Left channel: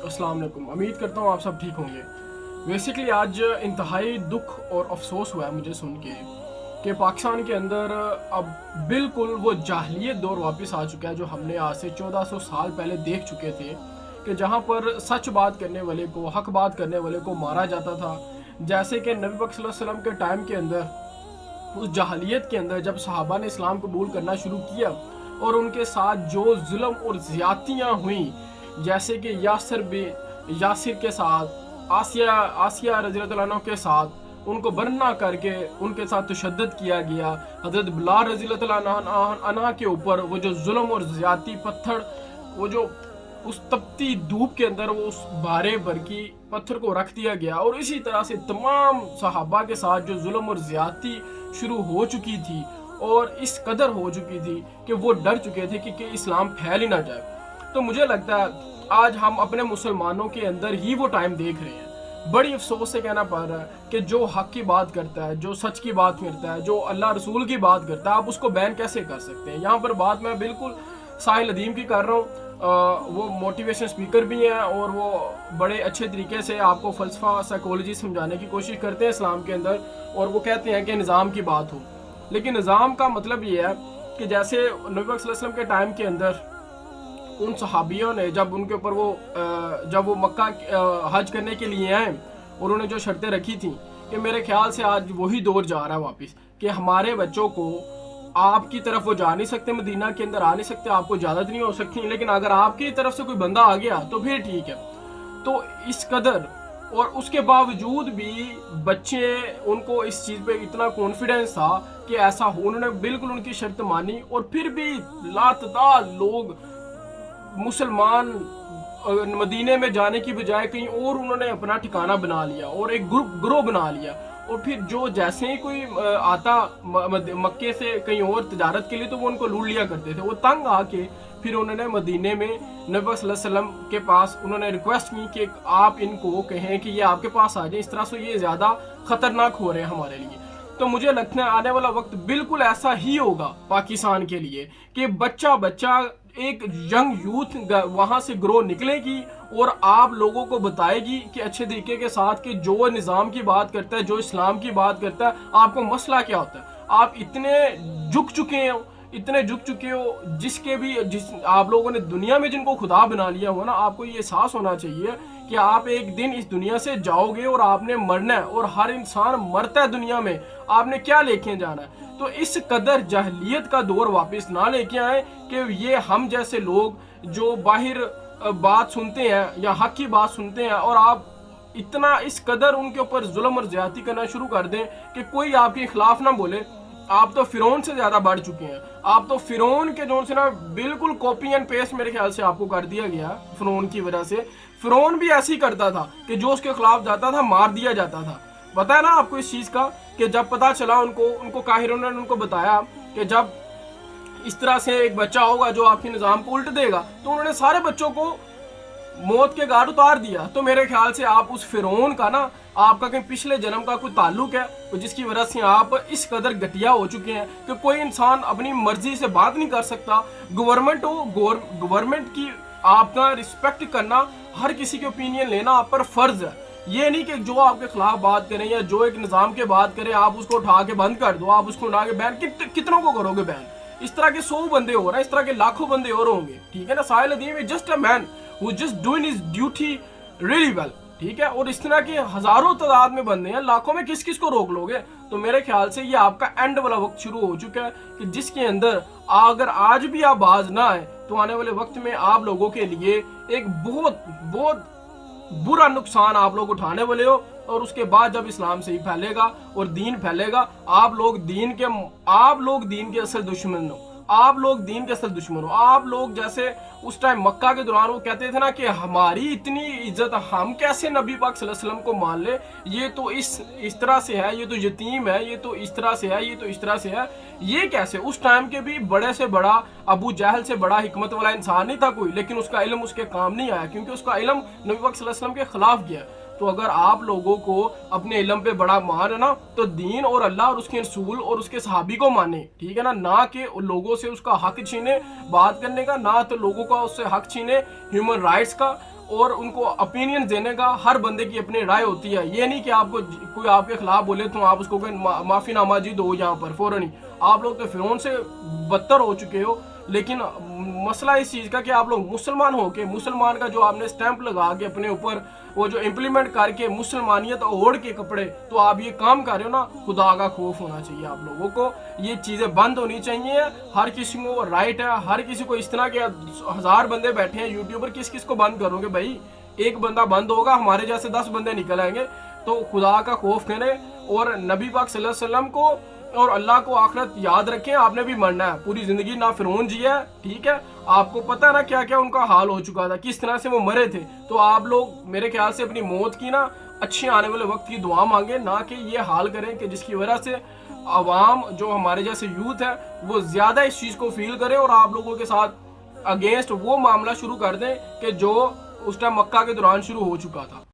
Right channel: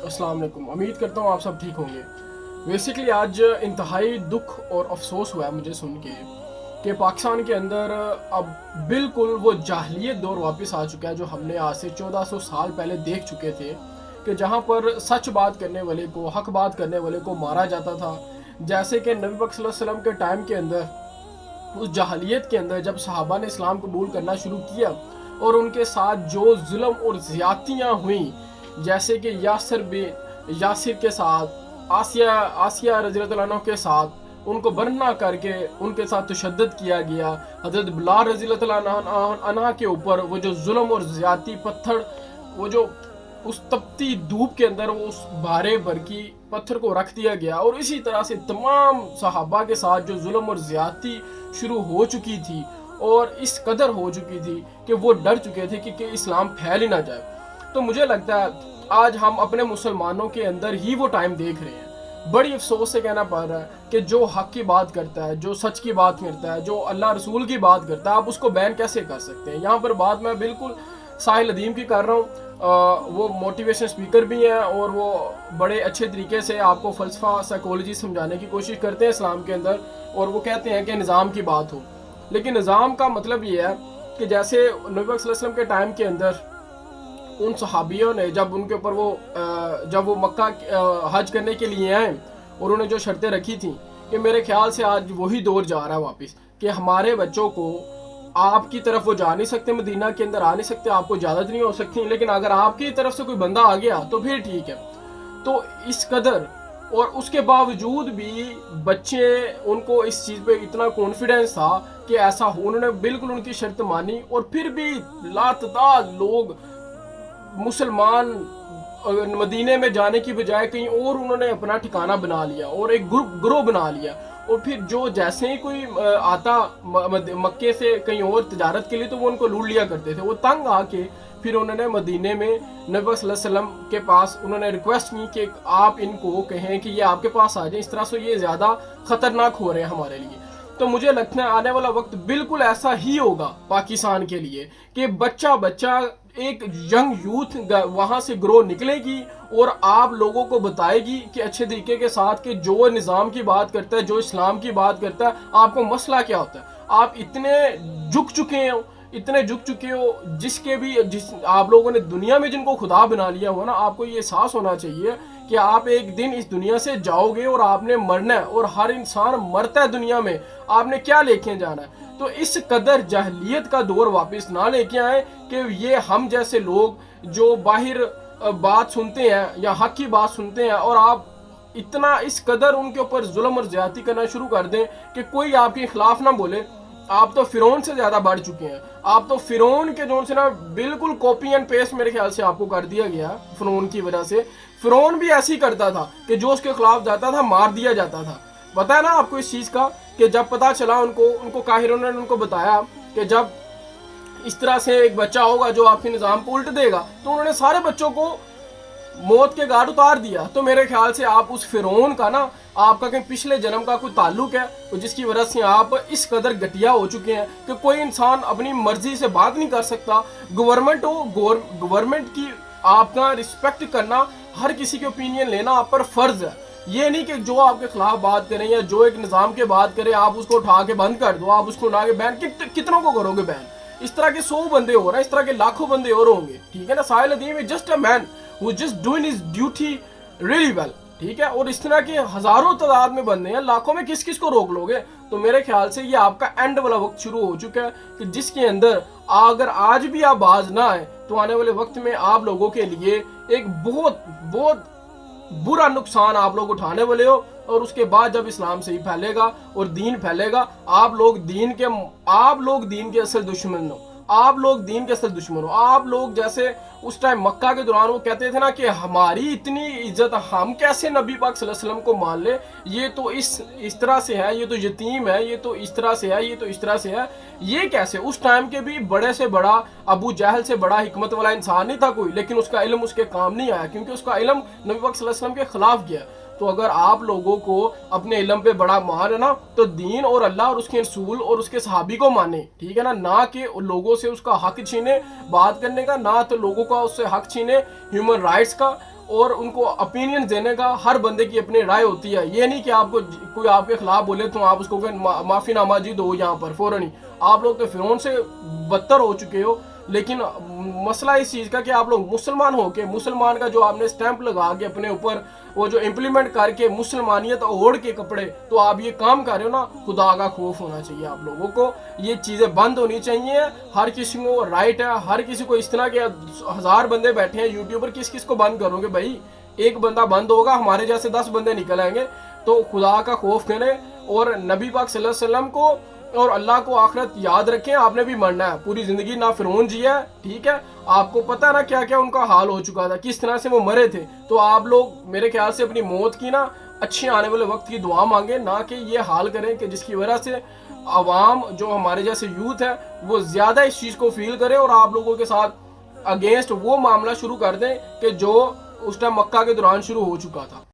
अस्सलाम वालेकुम। उम्मीद करता हूँ आप सब ठीक होंगे। बेसिकली आज इंतहाई दुख और अफसोस हुआ है मुझे सुन के कि पाकिस्तान के अंदर अब बिल्कुल वो जाहिलियत दौर वापस आ चुका है जो हमने आज से 1400 साल पहले देख चुके थे, कि जहाँ पर सच बात करने वाले को, हक बात करने वाले को मारा जाता था। जैसे कि नबी पाक सल्लल्लाहु अलैहि वसल्लम के टाइम के अंदर, उस जाहिलियत के अंदर जब सहाबा ने इस्लाम कबूल करना शुरू किया और उनके साथ जो जुल्म और ज़्यादतियाँ हुई, जैसे कि यासिर के साथ, आसिया रज़ियल्लाहु अन्हा के साथ उनको बरना करके उनके साथ तशद्दुद किया गया। हज़रत बिलाल रज़ियल्लाहु अन्हा के ऊपर वो जो जुल्म और ज़्यादती, पत्थर, वो जो उस तपती धूप के अंदर वो उस भारे बरकी पत्थर को रख दिया गया। और इसी तरह से तमाम सहाबा के साथ जो जुल्म और ज़्यादती शुरू हो चुकी थी और इस कदर हो चुकी थी कि वो डर चुके थे कि इस्लाम फैल ही ना जाए। तो मुझे लगता है आज हम अपने मुसलमानों के अंदर ही वो टाइम देख रहे हैं। बड़ी अफसोस से कहना पड़ रहा है कि जो हक की बात करता है, जो सच की बात करता है, जो अल्लाह रसूल की बात करता है, आप उसको बैन कैसे कर सकते हैं। यहाँ पर बात मैं बिल्कुल साहिल अदीम की कर रहा हूँ। वो मोटिवेशन स्पीकर भी हैं और वो बड़े अच्छे तरीके से आपको फ़लसफ़ा, साइकोलॉजी समझाने की कोशिश करते हैं इस्लाम के अंदर। और वो कहते हैं कि निज़ाम की बात हो, लेकिन निज़ाम का मतलब ये है कि जैसे नबी पाक सल्लल्लाहु अलैहि वसल्लम के टाइम के अंदर उन सहाबियों ने जब उनके ऊपर जब वो मक्का हज करने के लिए आए और उन्होंने जो शर्तें रखी थी, कि मेरे ख्याल से आज वही दौर जा रहा है वापस, कि हमारे बच्चों को आपकी तरफ वो जा नहीं सकते, मदीना के अंदर आ नहीं सकते, आपको इजाज़त नहीं हो सकती, लेकिन अगर आपकी तरफ से कोई बंदा आ गया तो फिर ठीक है। तो इस कदर, और उसके बावजूद भी बच्चे, उनको इस चीज़ पे इतना कॉन्फिडेंस था कि ऐसा हो, उन्होंने बिल्कुल उनकी शर्त मानी। और फिर भी लातादाद लोग मुसलमान मदीने में जाने की बजाय कहीं और उन्होंने अपना ठिकाना बना लिया और एक ग्रुप बना लिया। और फिर जो जैसे ही कोई आता मक्के से कहीं और तजारत के लिए, तो वो उनको लूट लिया करते थे। वो तंग आके फिर उन्होंने मदीने में नबी सल्लल्लाहु अलैहि वसल्लम के पास उन्होंने रिक्वेस्ट की कि आप इनको कहें कि ये आपके पास आ जाए, इस तरह से ये ज़्यादा ख़तरनाक हो रहे हैं हमारे लिए। तो मुझे लगता है आने वाला वक्त बिल्कुल ऐसा ही होगा पाकिस्तान के लिए, कि बच्चा बच्चा, एक यंग यूथ वहाँ से ग्रो निकलेगी और आप लोगों को बताएगी कि अच्छे तरीके के साथ, कि जो निज़ाम की बात करता है, जो इस्लाम की बात करता है, आपको मसला क्या होता है। आप इतने झुक चुके हो, जिस आप लोगों ने दुनिया में जिनको खुदा बना लिया हो ना, आपको ये एहसास होना चाहिए कि आप एक दिन इस दुनिया से जाओगे और आपने मरना है, और हर इंसान मरता है दुनिया में, आपने क्या लेके जाना है। तो इस कदर जाहिलियत का दौर वापस ना लेके आए कि ये हम जैसे लोग जो बाहर बात सुनते हैं या हक की बात सुनते हैं, और आप इतना इस कदर उनके ऊपर जुल्म और ज्यादती करना शुरू कर दें कि कोई आपके खिलाफ ना बोले। आप तो फिरौन से ज्यादा बढ़ चुके हैं। आप तो फिरौन के जोन से ना बिल्कुल कॉपी एंड पेस्ट मेरे ख्याल से आपको कर दिया गया फिरौन की वजह से। फिरौन भी ऐसे ही करता था कि जो उसके खिलाफ जाता था मार दिया जाता था। पता है ना आपको इस चीज का, कि जब पता चला उनको काहिरों ने उनको बताया कि जब इस तरह से एक बच्चा होगा जो आपके निज़ाम को उल्ट देगा, तो उन्होंने सारे बच्चों को मौत के घाट उतार दिया। तो मेरे ख्याल से आप उस फिरौन का ना, आपका कहीं पिछले जन्म का कोई ताल्लुक है, तो जिसकी वजह से आप इस कदर घटिया हो चुके हैं कि कोई इंसान अपनी मर्जी से बात नहीं कर सकता। गवर्नमेंट हो, गवर्नमेंट की आपका रिस्पेक्ट करना, हर किसी की ओपिनियन लेना आप पर फर्ज है। ये नहीं कि जो आपके खिलाफ बात करें या जो एक निज़ाम के बात करें आप उसको उठा के बंद कर दो, आप उसको उठा के बैन, कितनों को करोगे बैन। इस तरह के 100 बंदे हो रहे हैं, इस तरह के लाखों बंदे और होंगे, ठीक है ना। Sahil Adeem is just a man who just doing his duty really well, ठीक है। और इस तरह के हजारों तादाद में बंदे हैं, लाखों में किस किस को रोक लोगे। तो मेरे ख्याल से ये आपका एंड वाला वक्त शुरू हो चुका है, कि जिसके अंदर अगर आज भी आप बाज ना आए, तो आने वाले वक्त में आप लोगों के लिए एक बहुत बहुत बुरा नुकसान आप लोग उठाने वाले हो। और उसके बाद जब इस्लाम सही फैलेगा और दीन फैलेगा, आप लोग दीन के असल दुश्मन हो। आप लोग दीन के असल दुश्मन हो। आप लोग जैसे उस टाइम मक्का के दौरान वो कहते थे ना कि हमारी इतनी इज्जत, हम कैसे नबी पाक सल्लल्लाहु अलैहि वसल्लम को मान ले, ये तो इस तरह से है, ये तो यतीम है, ये तो इस तरह से है, ये तो इस तरह से है, ये कैसे। उस टाइम के भी बड़े से बड़ा अबू जहल से बड़ा हिकमत वाला इंसान नहीं था कोई, लेकिन उसका इल्म उसके काम नहीं आया, क्योंकि उसका इल्म नबी पाक सल्लल्लाहु अलैहि वसल्लम के खिलाफ गया। तो अगर आप लोगों को अपने इल्म पे बड़ा मान है ना, तो दीन और अल्लाह और उसके रसूल और उसके सहाबी को माने, ठीक है ना। ना कि लोगों से उसका हक छीने बात करने का, ना तो लोगों का उससे हक छीने ह्यूमन राइट्स का, اور ان کو اپینین دینے کا ہر بندے کی اپنی رائے ہوتی ہے. یہ نہیں کہ آپ کو کوئی آپ کے خلاف بولے تو آپ اس کو کہیں معافی نامہ جی دو یہاں پر فوراً ہی. آپ لوگ تو فرعون سے بدتر ہو چکے ہو. لیکن مسئلہ اس چیز کا کہ آپ لوگ مسلمان ہو کے مسلمان کا جو آپ نے سٹیمپ لگا کے اپنے اوپر وہ جو امپلیمنٹ کر کے مسلمانیت اوڑھ کے کپڑے تو آپ یہ کام کر رہے ہو نا, خدا کا خوف ہونا چاہیے آپ لوگوں کو. یہ چیزیں بند ہونی چاہیے. ہر کسی کو رائٹ ہے, ہر کسی کو. اس طرح کے 1000 بندے بیٹھے ہیں یوٹیوبر, کس کس کو بند کرو گے بھائی؟ ایک بندہ بند ہوگا, ہمارے جیسے 10 بندے نکل آئیں گے. تو خدا کا خوف کریں اور نبی پاک صلی اللہ علیہ وسلم کو اور اللہ کو آخرت یاد رکھیں. آپ نے بھی مرنا ہے, پوری زندگی نہ فرعون جیا ہے, ٹھیک ہے. آپ کو پتہ نا کیا کیا ان کا حال ہو چکا تھا, کس طرح سے وہ مرے تھے. تو آپ لوگ میرے خیال سے اپنی موت کی نا اچھے آنے والے وقت کی دعا مانگیں, نہ کہ یہ حال کریں کہ جس کی وجہ سے عوام جو ہمارے جیسے یوتھ ہے وہ زیادہ اس چیز کو فیل کرے اور آپ لوگوں کے ساتھ اگینسٹ وہ معاملہ شروع کر دیں کہ جو اس ٹائم مکہ کے دوران شروع ہو چکا تھا.